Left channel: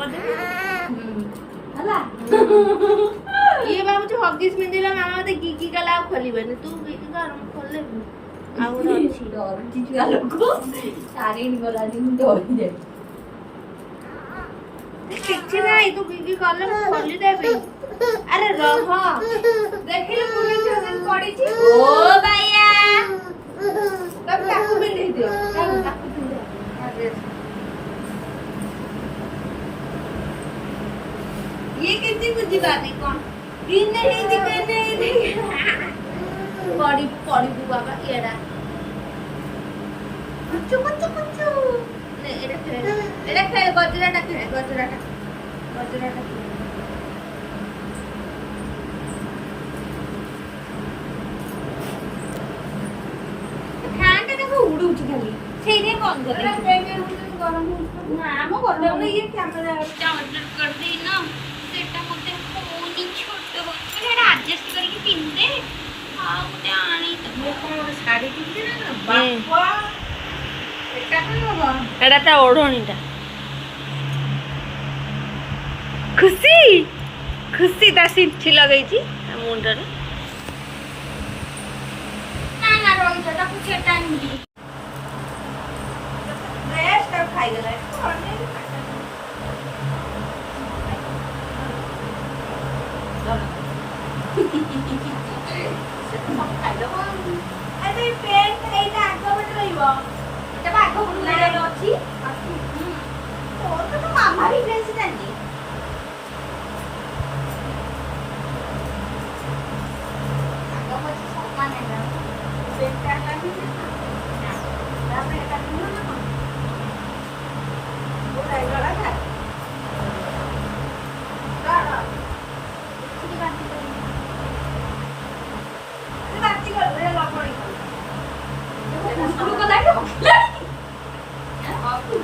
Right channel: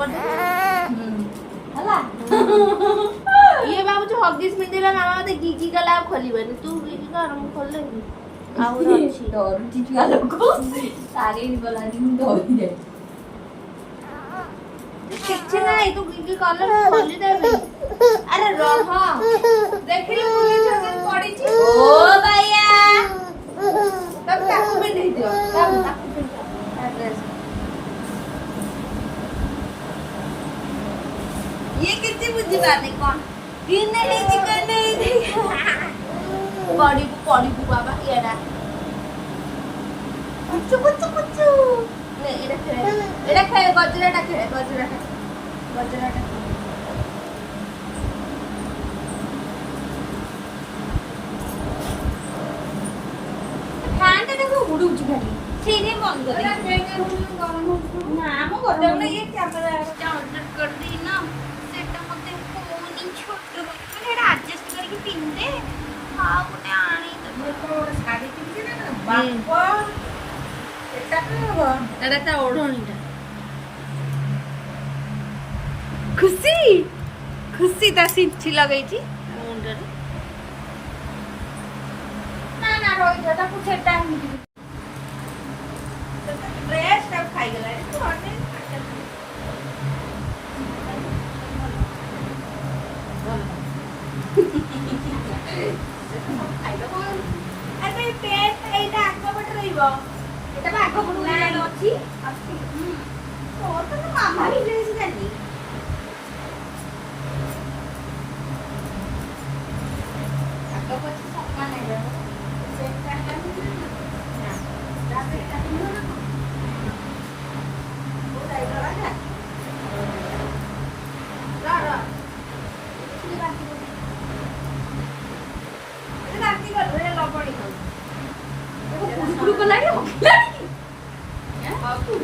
କରିଦେବି ହେଲା। ଇଏ ଭାବୁଛି ହଗିସ୍ ପିନ୍ଧିଲା ମାମା ମତେ ଗିଗି ଗଲା ଆଉ ଖୋଲିବନି। ତୁ ଗିଗି କର ମୁଁ ଖୋଲିଦେବି। ଆଉ ଅଛି ଡରୁଛି ଛୁଆ ଲୋକ ସାରିଣି ଗଲାନି ମୁଁ ଡରି ଯାଏ। କିଛି ନାହିଁ ତୁ ଗିଗି କଲେ ମୁଁ ଖୋଲିଦେବି। ଆରେ ରହ ଦେଖିଲୁ ପୁଲିସ ପଡ଼ିଛି। ଓ ବାୟା ତାକୁ ପିନ୍ଧେଇ ଦିଅ ତାକୁ ପିନ୍ଧାଅ ତା ଡ୍ରେସ। ये किसी बुद्धि बात नहीं कौन दिन नहीं दिखने बड़ी बाबा येड़ा कुछ नहीं एड़ा खेल गजराटा फैन टा देखो उड़ुछ खाली ठीक है बंद कर गरम ना हम गरम ये कैमरा ऑर्डर कर दी ना सेटा मते फोनी छोट हो मैंने एड़ा एडजस्ट करके पिन दे हां गोटे आनी त साड़ी पिन ना बापा एटा कोन होगा एड़ा ता ओढणीटा खुशी ता सिंठी लगई छी मुंडर ना ना रोई दादा कुछ टाइम दी ड्रेस सब खाई गला तो अन्य अरे पेंट एटा आगो बट रहिबो एटा बा आगो बट लाइन अछि तो मामा भी ड्रेस जानी आगो बट सका नै जानो पेंट लागी ना तापर एटा किनो ना वो लाइन लगा रा बाती कर रे लपड़ी कर देखो कुकुर को लागे हां कुकुर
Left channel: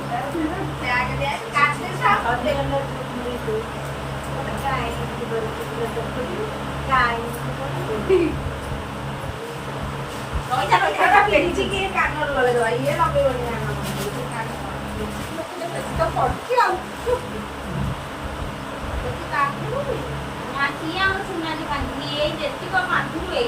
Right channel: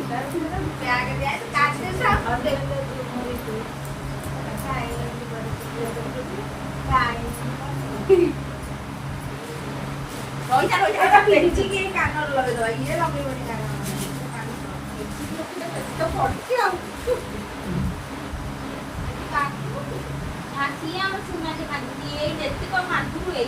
से आगे दे काटे सा हदे ने धुरी तू काय की बर कुकुर तो काय रोइसा पेची के कानर लगे दो ये लगे बड़ी ना कान तो पड़छ आ तो काटी दो ना किया और सुना जो बांधी ये जेती को माथु ए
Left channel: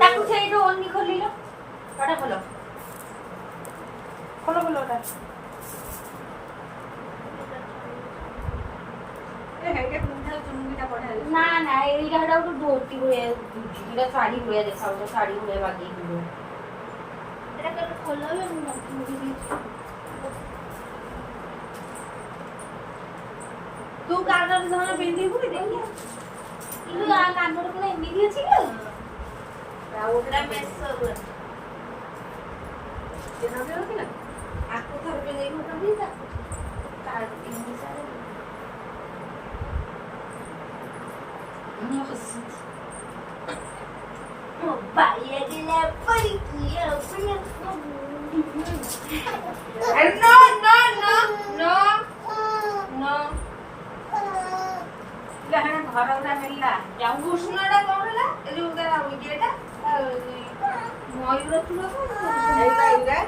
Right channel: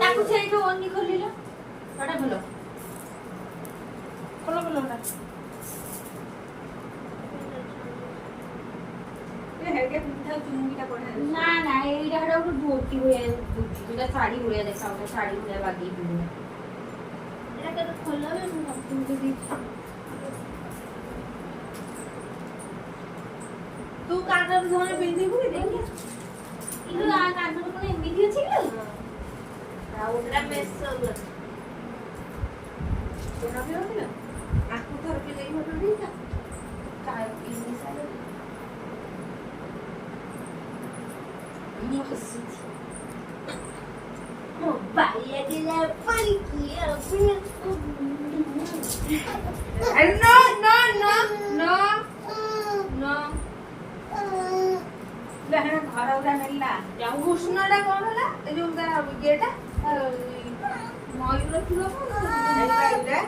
ताकू छे जो ओनी खोलिलो कटा खोलो ना ए हेके तुमथा चुनुमीटा पडा ना ना एइडा हडा तो धोती हुए इडा साड़ी हुए देखाओ तो साड़ी हुए बाकी हुए एटा के खोलो ना तू कानर जने बिंदी हुई देखिए इलो आ कानर कोन एमिदी अछि लो राउडा मेसर जेना भी होगी ना आपको घर पे नहीं होगा भी था कार इनमें सारे ओ बाये दिले पड़ी किया नो लहना घर उड़ा हेला जाऊ घुसनाडा कोन होला ए जो उनका गेटा मयूर चूड़ा कोन एइला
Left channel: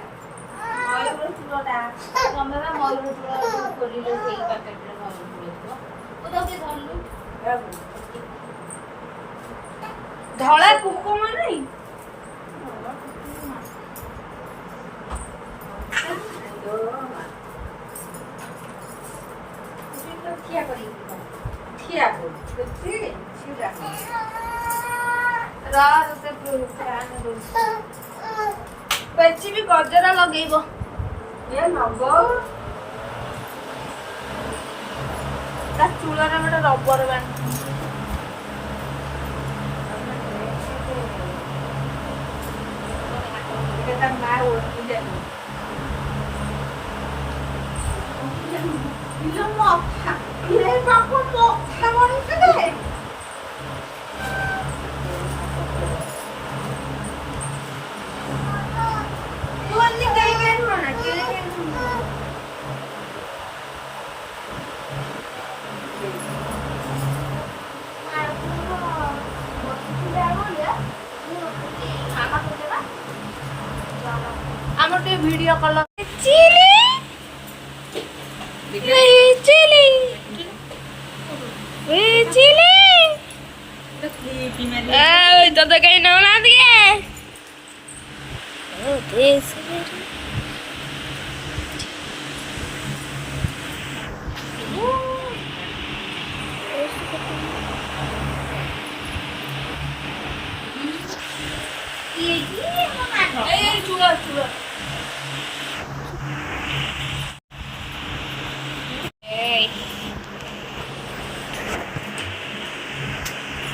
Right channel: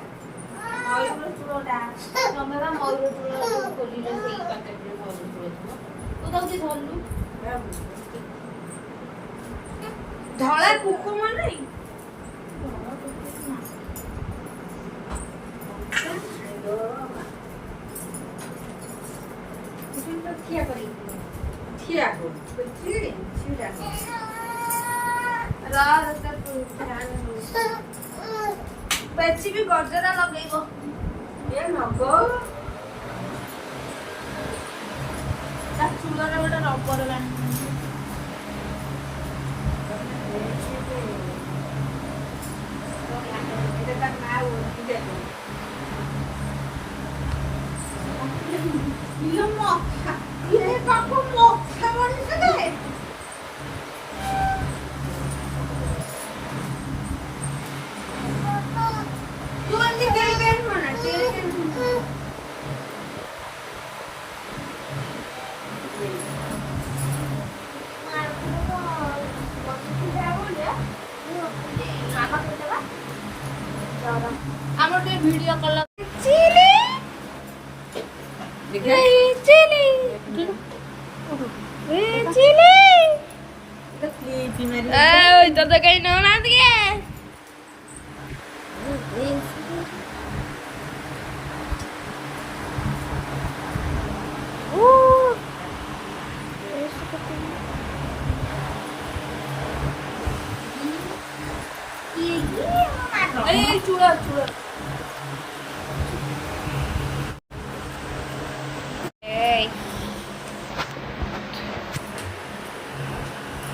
मयूर चूड़ाटा तमेवा मयूर चूड़ा खोलिले सेई पैकेटरे मयूर चूड़ा ओ दउची धरलु धळा कुकुम नै ठिया करी ठिया को ठिया रते फैन बेची भी गजरा लगेइबो ए नगो ता चूड़ारा बेटा रबर बैंड এটা মা ওড়ি দেবে ইলো মখা ইরে বাপু মখা মনে করে ଆମର ଟିକେ video call chilli chilli chilli ତତେ କେହି ନଉନାହାନ୍ତି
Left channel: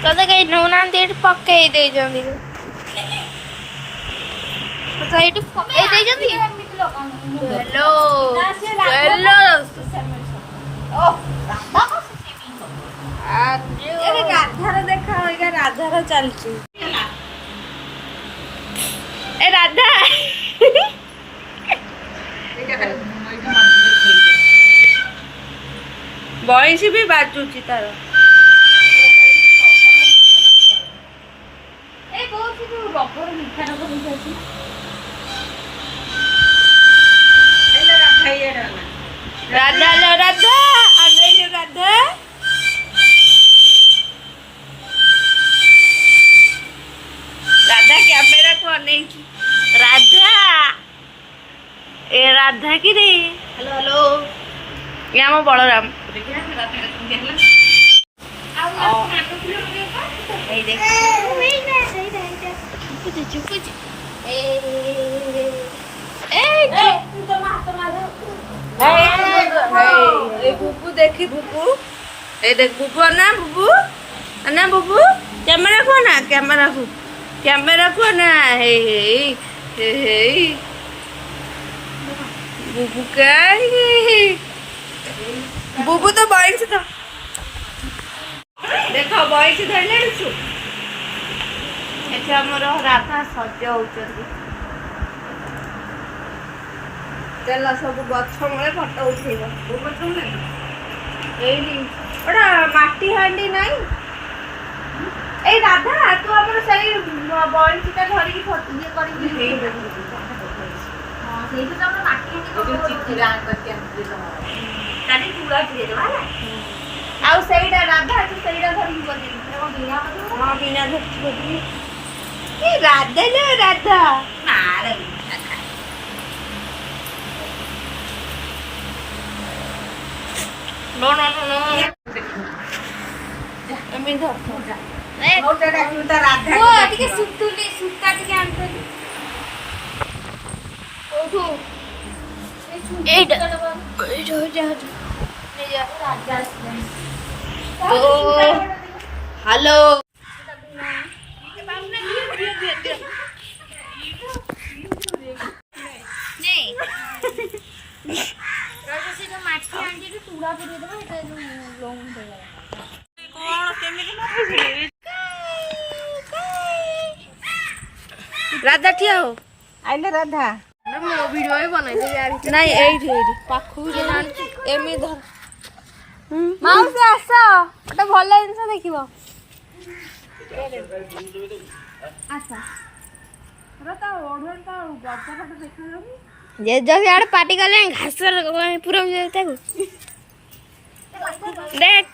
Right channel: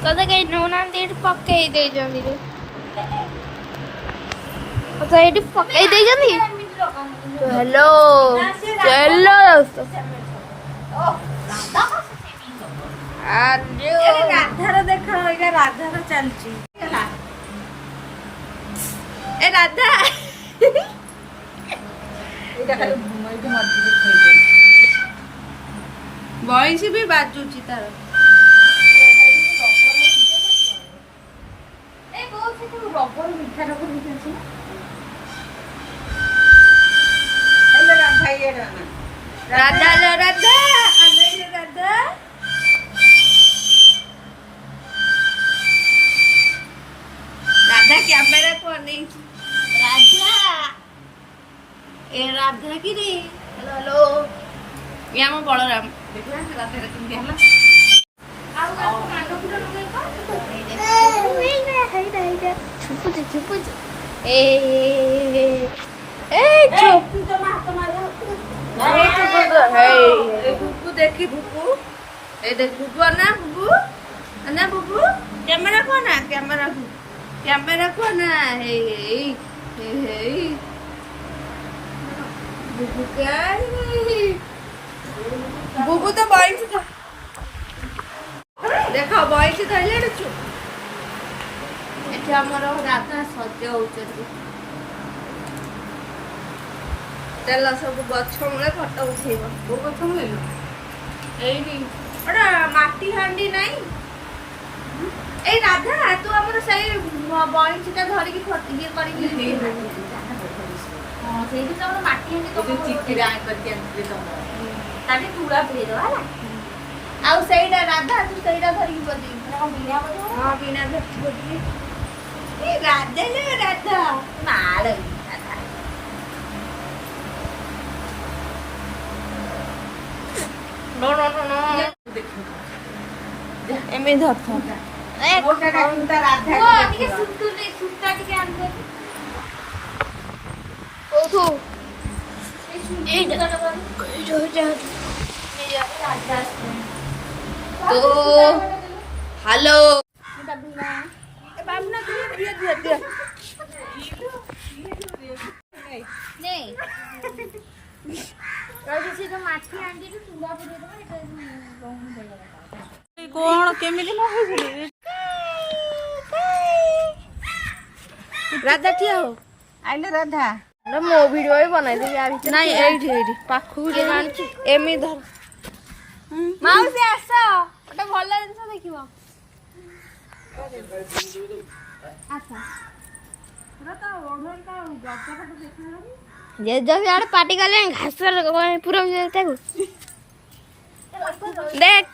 ତତେ କେହି ନଉନାହାନ୍ତି ଏଠି ପକେଇ ଦେଇଛନ୍ତି ତତେ ଏଇଠି ପକେଇ ଦେଇଛନ୍ତି ହ୍ୟାଲୋ ହ୍ୟାଲୋ ରାଧାର ଦେଖ ଏଇଟା ରାଧାର ଚାଲିଛି ଏ ରାଧା ବଇଁଶୀ ବି ବାଜୁଛି ତାର ରାଧା लो ରାଧା ଅନେଇଲୁ ରାଧା ରାଧା କ୍ୟାମେରାକୁ ଅନେଇଛି ରାଧା ଏ ରାଧା କି ରେ ହ୍ୟାଲୋ ହ୍ୟାଲୋ ଏ ଆମ ବଳରାମ ଛୁପୁଛି ଛୁପୁଛି बुबू देखी बुबू ए देख बुबू ना बुबू कैमरा को ना हे बुबू का बुबू तो बॉयस तो देखो बॉयस धरले छु एठी हमर राधा सज होचंदी चल सब गछ मूले फटो उठेब ओटा माटी हांडी नहीं ए राधा तू हमर सही बॉयस का धरी की फट ये करी की हां सेही तो हमर माटी हांडी को चित्रा करके दे तो काटी चूड़ा दे दो होला आउ सेईडा राधा तू सेईडा धरी बदी हां बिना धरी बदी ए राधा ना राधा मारे नो नो नो नो एमे धर छोटा मोटा डाकुता राधा को देखि सुतुले सुता के आनते ओठो एडा एडो जा राजा तो हेलो नहीं माटी आंटी चूड़ा पुरे दबा कोन केमिति न होई राधा ठिया हो आइले राधा मो वीडियो भी बनाई देबी आ नहीं एठी पाखु एमी धर माउसी आस ओटा भल जिंस देखिबो अच्छा रता ओढन का गज्जा फट देखा जाबी जे जो यार पार्टी करले घास पूरा देते को देख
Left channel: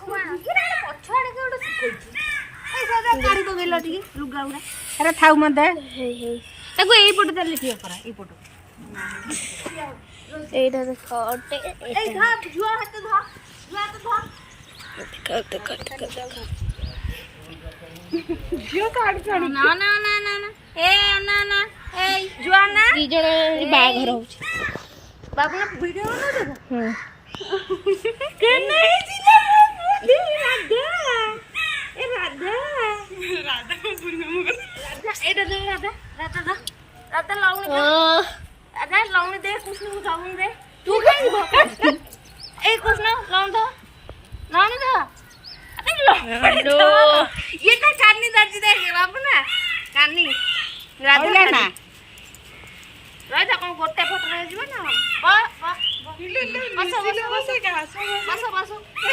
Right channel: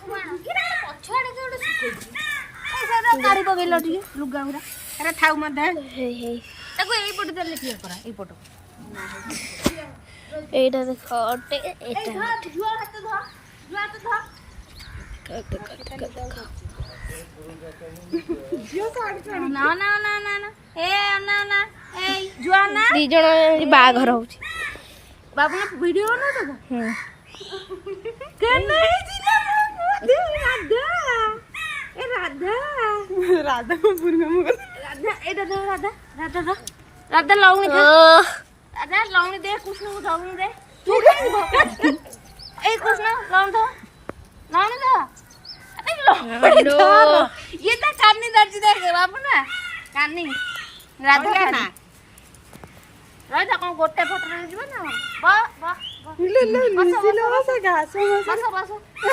पछाड़े के सुखोई ए सारा गाड़ी पगैला ठीक लुगा उरा अरे थाउ मत दे हे हे ताको एई पट देले क्लियर करा एई पट एटा देखो ओटे ए धा जुआ हाथ धा देखो जियो काट काट ना ना ना ना ना ए ना ना ए जुआ ना दी जण बाघर होची बाबू ने वीडियो ना देखो हां के नहीं जीता राधा राधा को बुरगा मुगा राधा एटा दे राधा लाउनी दे राधा लाउनी दे कृष्ण को लाउनी दे तू काई भका ए कृष्ण लाउन दे लाउनी दे हेलो ये तो कानी दर्जी दे बाबू ना कानी राधा ना राधा को गोटे फोटो रे जीव ना बा ले बस घास बस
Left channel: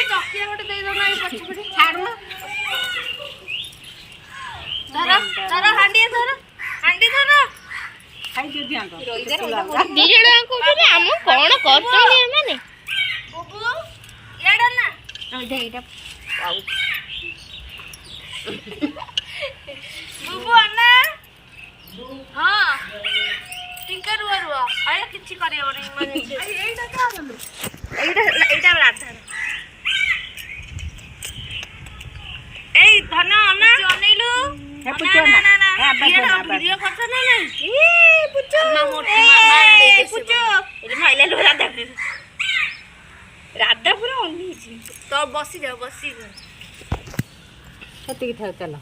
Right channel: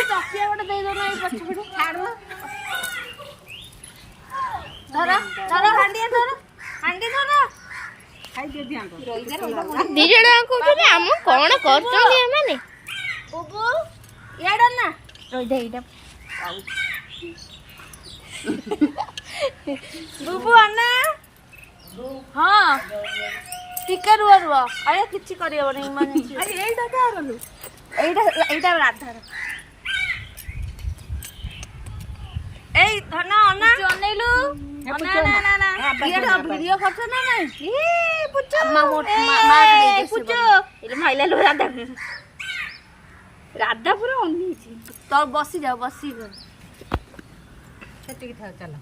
चकिया गोटे दे दो ना पछ पछ छाड़ ना धर हांडी धर ଦି ଜଣ କହୁଛନ୍ତି ଆମ କଣ କରୁଛନ୍ତି ଏମାନେ ବୁବୁ ଇଆଡେ ନା ଏଇଟା ବୁବୁ ଅନା ହଁ ଟିକେ ରୁହ ଆରେ କିଛି କରିହବନି ମାନେ ଏଇଟା ଏଇଟା ରାଧାର ଏଇ ଧନ ଅନା ଅନେଇଲୁ ଭିଡିଓ କଥା ନା ରାଧା ପୁରା ଅନେଇଛି ତ ବସିଯାଅ ସେତିକି ଥାଉ ଚାଲ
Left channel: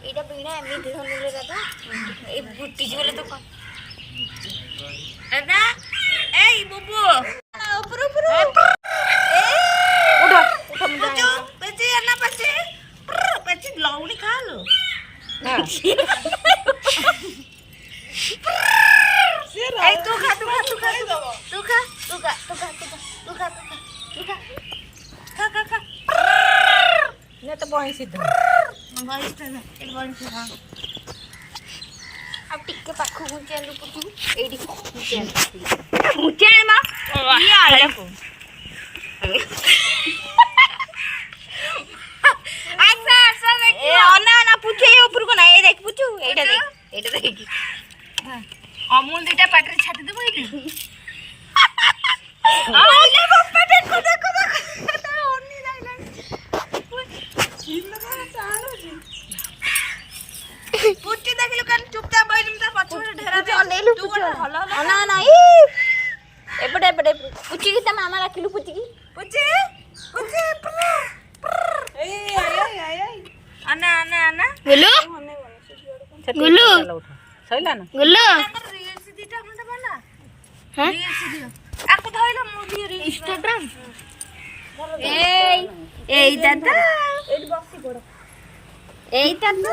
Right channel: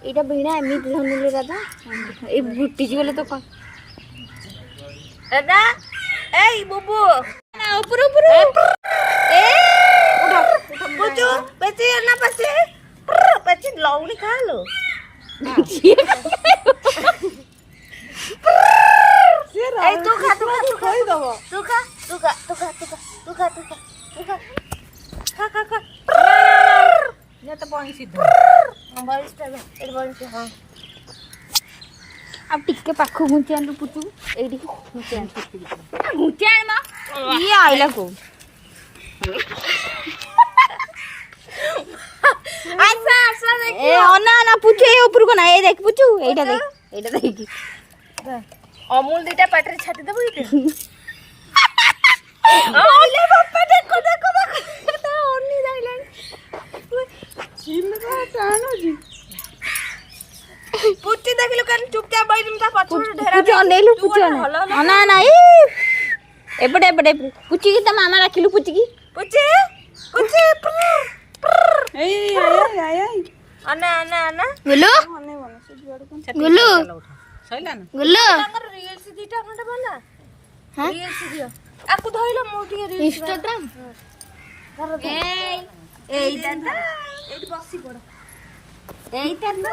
ଏଇଟା ଭିଣା ଏମିତି ଧନିଲେ ରାଧା ଏଇ ବୁଟିଛି ଗଲେ ତ କଣ ରାଧା ଏଇ ବୁବୁ ଉପରୁ ଲଉନି ଖାଲୋ ଟିକେ ପାଖକୁ ଘୁଞ୍ଚି ଆଣି ପୁଚୁ ଏଇଠିକି ଘୁଞ୍ଚି ଆଣି ନା ପୁଚୁ ଏଇ ଉପରକୁ ନା ଏଇ ଦେଖ ପୁଚୁ ଏଇଟା ଦେଖି ଅମୁଲ ଦିଟା ପାଟିରେ ଛାଟି ଦେବୁ ପୁଚି ଦେଖିଲୁ କାଲି ଚୁପଚାପ ବଇଲୁ ତା ପଛରେ ଢେରା ଅନେଇଲୁ ପୁଚୁ ନା ଏପଟେ ପୁଚି କି ତା ମାମା ରାଖିଲୁ ପୁଚି ଅନା ଗୁଲୁ ରିଲ୍ସ ଦିଟା ଖଣ୍ଡ ବନା ରିଲ୍ସ ଦିଅ ଆକୁ ଧଇଲ ମୁଁ ଟିକେ ଇନଷ୍ଟାଗ୍ରାମ ଏଇଟା ତ ଏଇଠି ବସି ପଡ ଏଇଟା ତ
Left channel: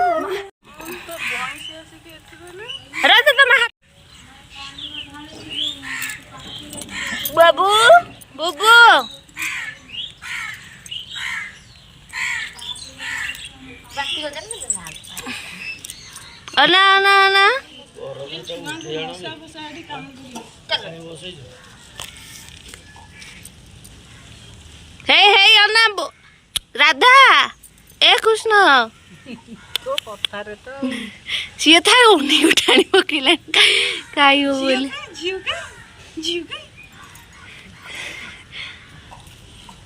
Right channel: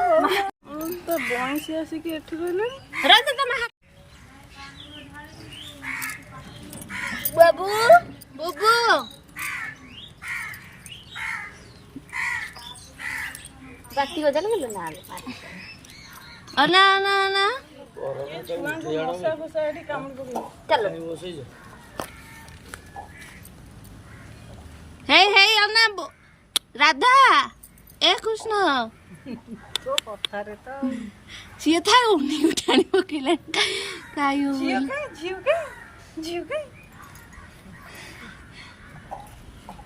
ବଂଶୀ ଆସିକି ଏଠି ରହିଲା ରାଧା ତମ ବାବୁ ବୁବୁ ବାତି ଗଜା ନା ହେଇ ଅନା ରାଧା ଏ କୃଷ୍ଣ ସିଏ ଥାଏ ଅନେଇ ଉଠାଣି ପକେଇଲାଣି ଖାଇବ ବୋଲି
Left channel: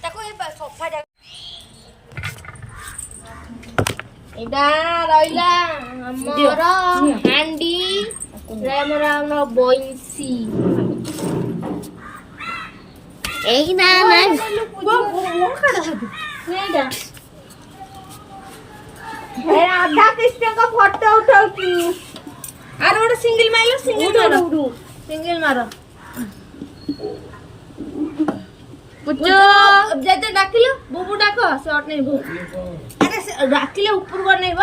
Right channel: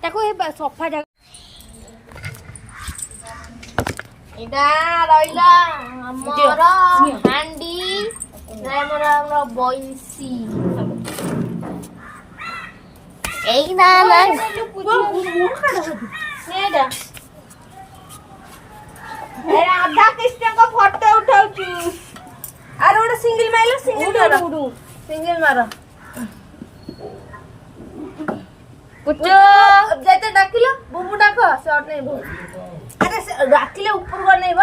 ତାକୁ ସଫା ଏଇଟା ରହିଲା ଆମର ହାଣ୍ଡି ଆମର ବଇଁଶୀ ଏଇ ନା ରାଧା କୃଷ୍ଣଙ୍କ ଫଟୋ ଉଠାଉଛୁ ଆର ଗୋଟେ ସିଙ୍ଗଲ ମାର ଯେତେ ଡାକିଲ ବୁବୁ ଡାକ ସେ ଅନେଇବ ଆରେ ଡାକିଲେ ଉପରକୁ ଅନେଇବ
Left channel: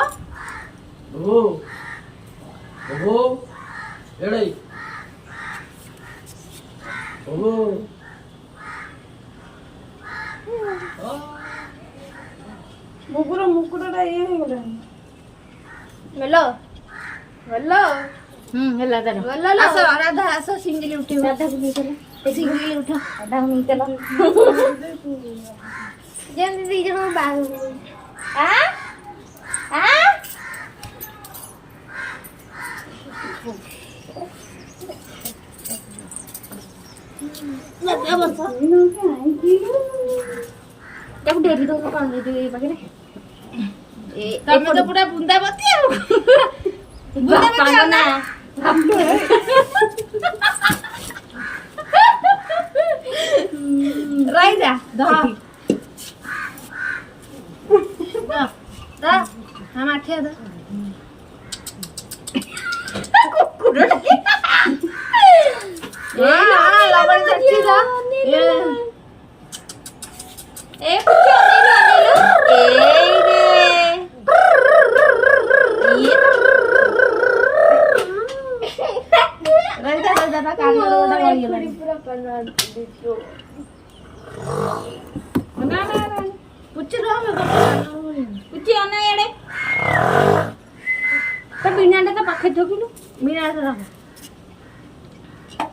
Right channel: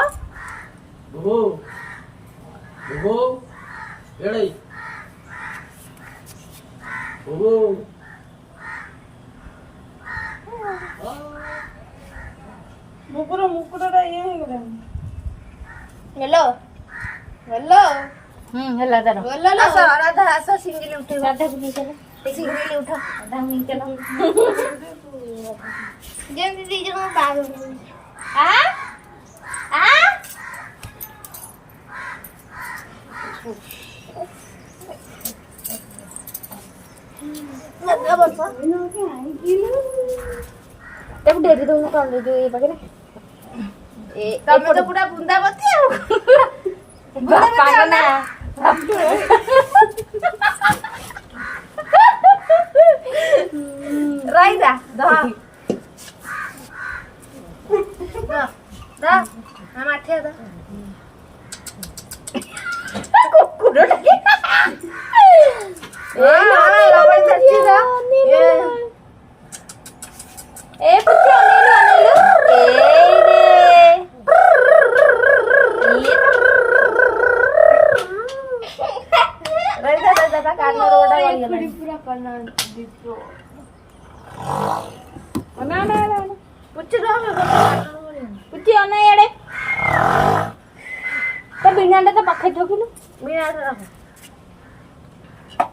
ବୁବୁର ମୁକୁଟଟା ଇଏ ହେଇଗଲାଣି ମେଲୋ ହେଲା ତାର ରାଧା ଆସ ସିଙ୍ଗଲ ଉଠେଇବ ରାଧାକୁ ନେଇ ଚାଲ ସିଙ୍ଗଲ ଉଠ ରାଧାକୁ ନେଇ ଚାଲ ଯେମିତି ଦି ଜଣ ବାହାଘର ତାକୁ ଡେରି ଦଉନୁ କଣ ଏ ପାଖରେ ତମେ ତ ପୁରା ବୃନ୍ଦାବତୀ ଆଉ ନା ରହିଯା ମାଠିଆ ଦା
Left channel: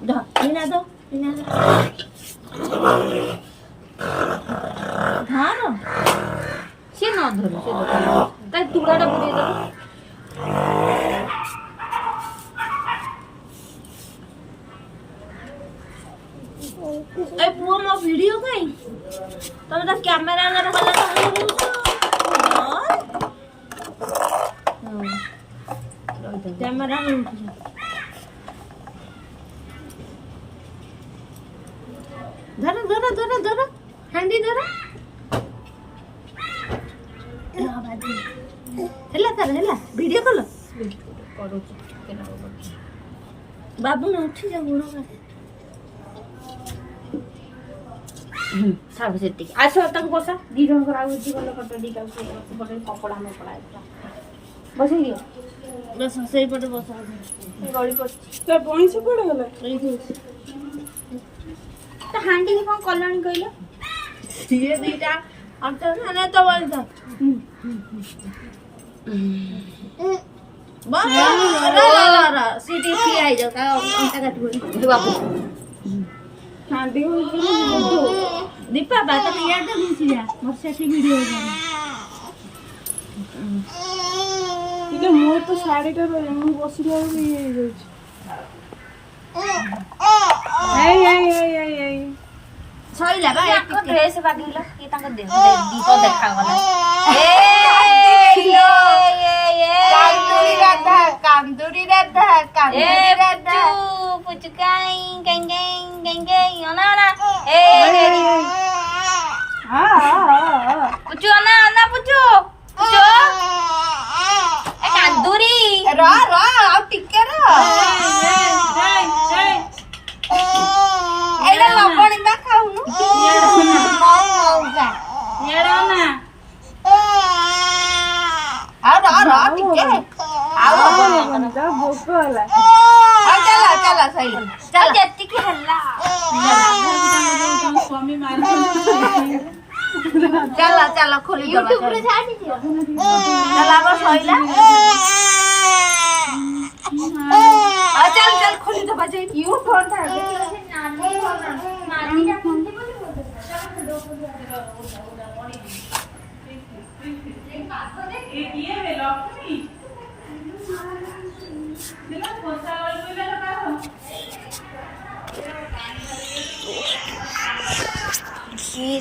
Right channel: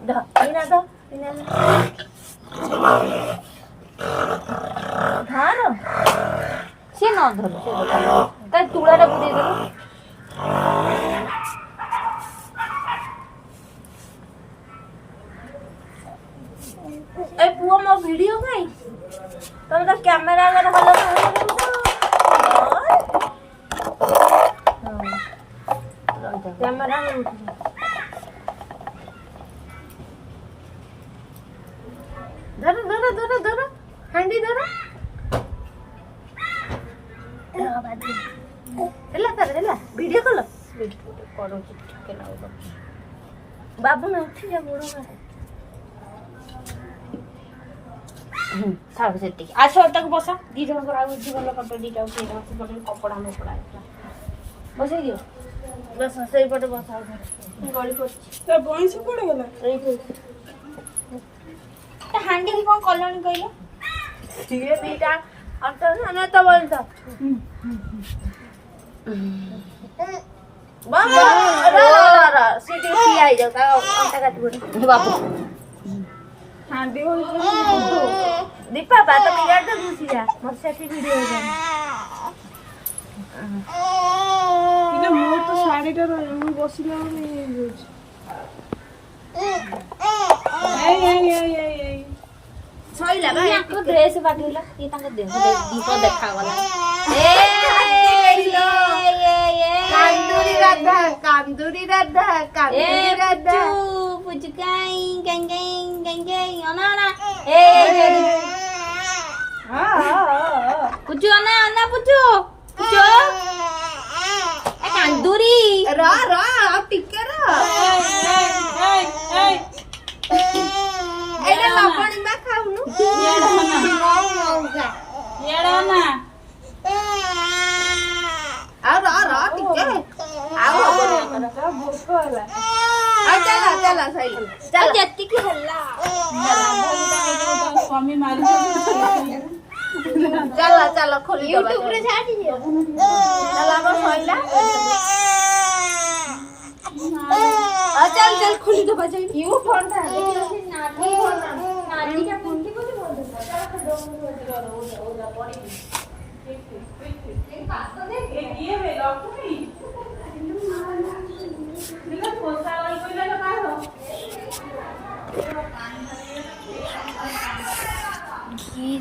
इना दो धार से न धर ता तुड़ाटे बुड़ी दो ए पुओ मो वीडियो काई तमे तो कैमरा आगे खाली कैमरा धरो धरो धरो धरो हांडी धरो हेला कर हेला वीडियो कॉल करो बाबू ने उठी जा बुनो साब सेती आछो तक बसा दी जण को आउ जीवन पट दी लाउ से पट कपड़ा में पड़ा बसै दियो बस सही पटे बसा गड़ी पड़ तो बोई से पड़े गला नहीं तो हांडी की कोन कलनी कइलो ये दीटा अंतर ने तो बोल दो बा रा सीटी सी आई जाओ का अंता काट पड़ी बाबू हांडी को दीपा बात में याद तो घुसी जा मोर सेठी वीडियो हो जाए इले मो तो साड़ी टा मु बसिला ये जाउछ ए सइला बा एक ड्रेस बागेला की तांको देह दीप देखा गला ए कांदूरी राधा पुचु काई गंगे ओना ओना ए पुचु ओना पुचु ए कांदूरी रा अब टिके रा एले लबणी बा खाउनु येडो ना रा टिके आओ भोक होला चला सही चल जत्ती की हल्ला स्वामी मारी चला खोली दबा यूट्यूब रे छाडी दियो चला अब सहीला चल खोली दबा जाई यू फोन था नानी का फोन की बोली ये वे लक्ष्मी देखो पोसा वाली कोई ले लगा लो ये